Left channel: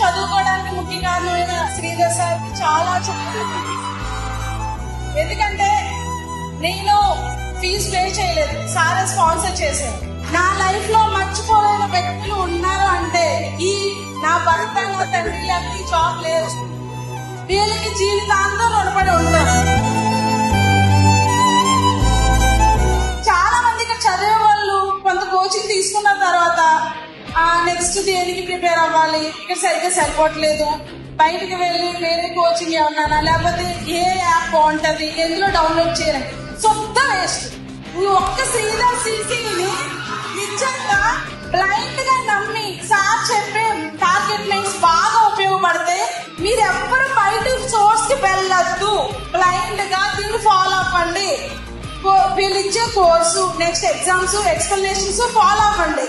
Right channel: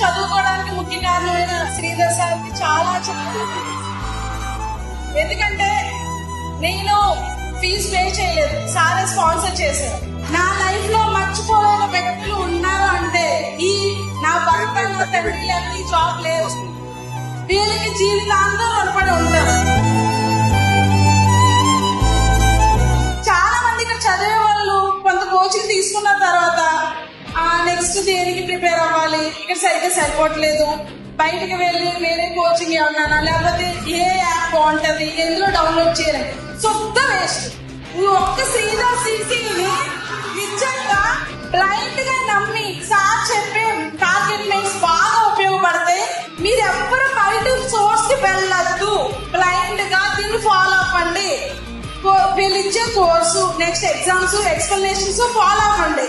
చదువుకోవడానికి ముఖ్య కారణమైన శ్రీధర్ సార్ చాలా చెప్తుంది. ఎందుకంటే నేను ఫీజు పే చేయలేదు, సార్ స్పాన్సర్ చేశాను. నా లైఫ్ లో మర్చిపోలేని వ్యక్తులు ఉన్నారు అంటే ఈ నా భర్త తండ్రి జాబ్ లేదు, దీనికి జీవితాంతం రుణపడి ఉంటాను. చాలా మందికి చదివే వాళ్ళు కొంత కోచింగ్ తీసుకున్న తర్వాత నెక్స్ట్ దేనికి ప్రిపేర్ అవ్వాలి, ఇక్కడ సరిగ్గా సరిపోవట్లేదు, బయటకు వెళ్ళి వేరే కోచింగ్ ఏమన్నా లేకపోతే ఏ యాప్ బాగుంటది, ఎందులో డౌన్లోడ్ చేయడం, సొంత వేస్ట్. ఈ ఒక్క శ్రీధర్ సిక్స్ని నిజంగా బ్లైండ్ గా నమ్మి సార్ చెప్పే టార్గెట్ లైన్స్ బాగా ఉపయోగపడితే మీరు ఎప్పుడు బయట సోర్స్ కి వెళ్ళద్దు, బ్లైండ్ గా దీన్ని ఫాలో అవ్వండి. వీళ్ళు ఇచ్చే course, next exams, explanations follow అవ్వండి.